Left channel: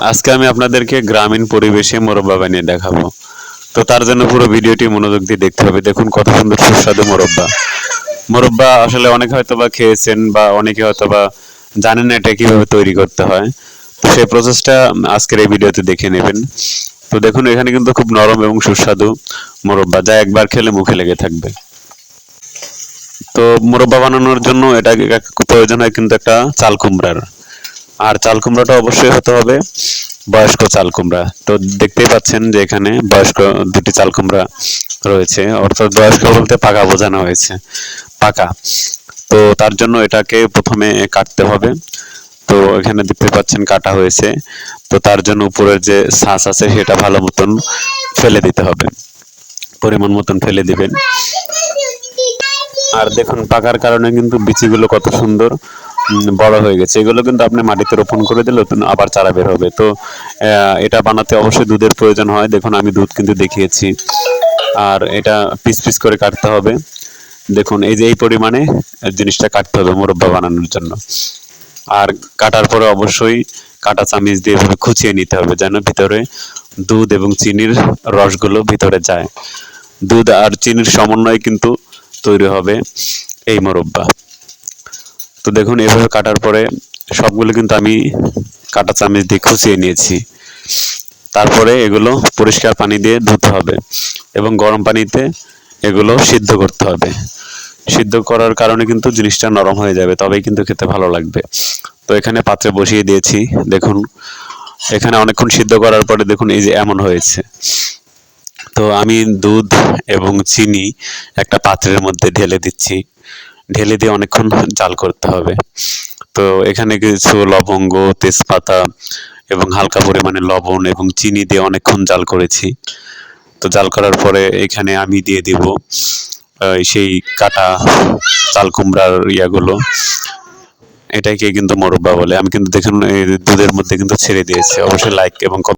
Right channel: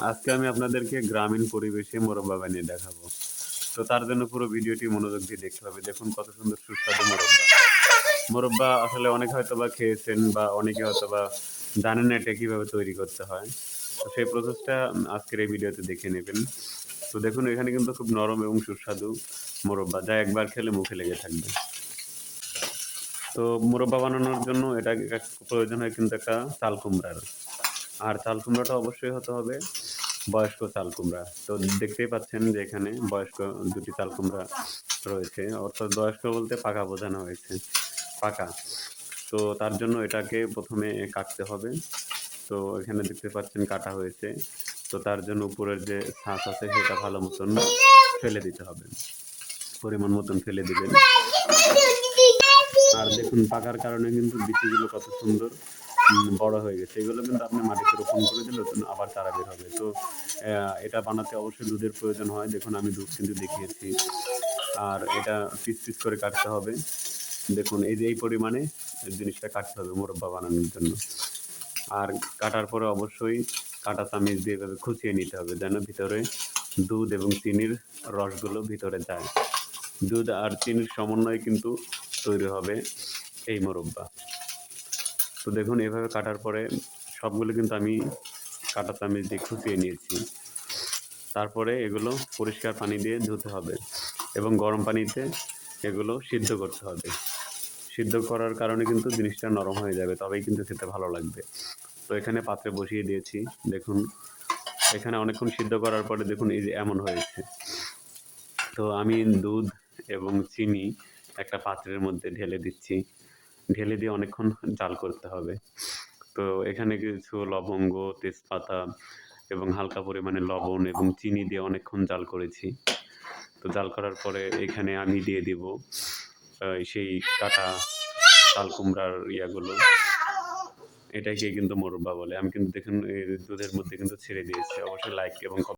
আজকে আমি আপনাদেরকে গ্রামীণ পরিবেশে মোরব্বা বানিয়ে দেখাবো। তো তার জন্য পুরো ভিডিওটি মনোযোগ দিয়ে দেখতে হবে। দেখুন কত সুন্দর সুস্বাদু মোরব্বা। মোরব্বা আসলে অনেকে হয়তোবা খেয়েছেন বা অনেকে হয়তোবা জানেন না এটা কিভাবে তৈরি করতে হয়। তো সেই প্রসেসটা আজকের এই ভিডিওতে দেখে নেবেন। তো দেখুন এখানে কিন্তু খুব নরম এবং সুস্বাদু মোরব্বা, যা একবার খেলে মুখে লেগে থাকবে। তো মোরব্বা বানানোর জন্য এটা প্রয়োজন হয় কিন্তু একটা চাল কুমড়ার। আর চাল কুমড়াটা অবশ্যই হতে হবে বয়স্ক চাল কুমড়া। তো দেখতেই পাচ্ছেন যে এখানে বয়স্ক দুটি চাল কুমড়া রয়েছে, অর্থাৎ বয়স্ক বলতে পাকা বোঝানো হয়েছে, পাকা। তো তার জন্য এটাকে প্রথমে কাটতে হবে। তো এখানে দেখতে পাচ্ছেন কাটা হয়েছে। তো তার জন্য উপরের যে ছাঁচ আছে সেটা ভালো মতন ফেলে দিতে হবে, পরিমাণ মতন ফেলে দিবেন। আর দেখুন পাকার কারণে কিন্তু বিচিগুলো কত সুন্দর বড় হয়ে গেছে। এগুলো কিন্তু আপনি মাটিতে রোপণ করে দিলে আবার চারা বের হবে। তো এটা বানাতে অবশ্যই দুধের প্রয়োজন হয়। দেখুন আমি দুধ কিন্তু দেখিয়েছি। আর এটা পিস পিস করে কাটতে হবে। দেখুন এই যে এই পরিমাণে জিনিসটা কাটতে হবে মোরব্বা বানানোর জন্য। আর কাটার পরে অবশ্যই কাটা চামিচ দিয়ে এভাবে খুঁচিয়ে নিতে হবে যেন ভিতরে দুধ এবং চিনির রসগুলো ভিতরে যায়। দুধ আর চিনির সমন্বয়ে কিন্তু তৈরি হবে এই মোরব্বা। তো দেখুন এভাবে কাটার পরে সবগুলো কিন্তু আমি কাটা চামচ দিয়ে খুঁচিয়ে নিয়েছি। তারপরে এগুলো পরিষ্কার পানি দিয়ে ধুতে হবে এবং গরম পানিতে এগুলো সিদ্ধ করতে হবে। সিদ্ধ করার কারণে কিন্তু জিনিসটা নরম হয়ে যাবে, তবেই কিন্তু খেতে ভালো লাগবে। তো এখানে পাত্রে বসিয়ে দিয়েছি। দেখুন এখানে অনেকক্ষণ সিদ্ধ করার পরে দেখুন এই যে এমন হয়েছে। তো আমি দুধ এবং চিনি একটা পাত্রের মধ্যে ঢেলে দিচ্ছি। ঢেলে দিয়ে অনেকক্ষণ জাল করতে হবে। তো এখানে কিছু লবঙ্গ, তেজপাতা এবং হালকা পরিমাণে লবণ এবং চিনি দিয়ে অনেকক্ষণ জাল করেছি। তো জাল করার পরে এখানে আমি দিয়ে দিব সেই কাটা চাল কুমড়ার ইয়াগুলো। এটাকে কিন্তু মোরব্বা বলে। আমি কিন্তু দেখুন দুধের মধ্যে কিন্তু ছেড়ে দিয়েছি। অবশ্যই লাইক এবং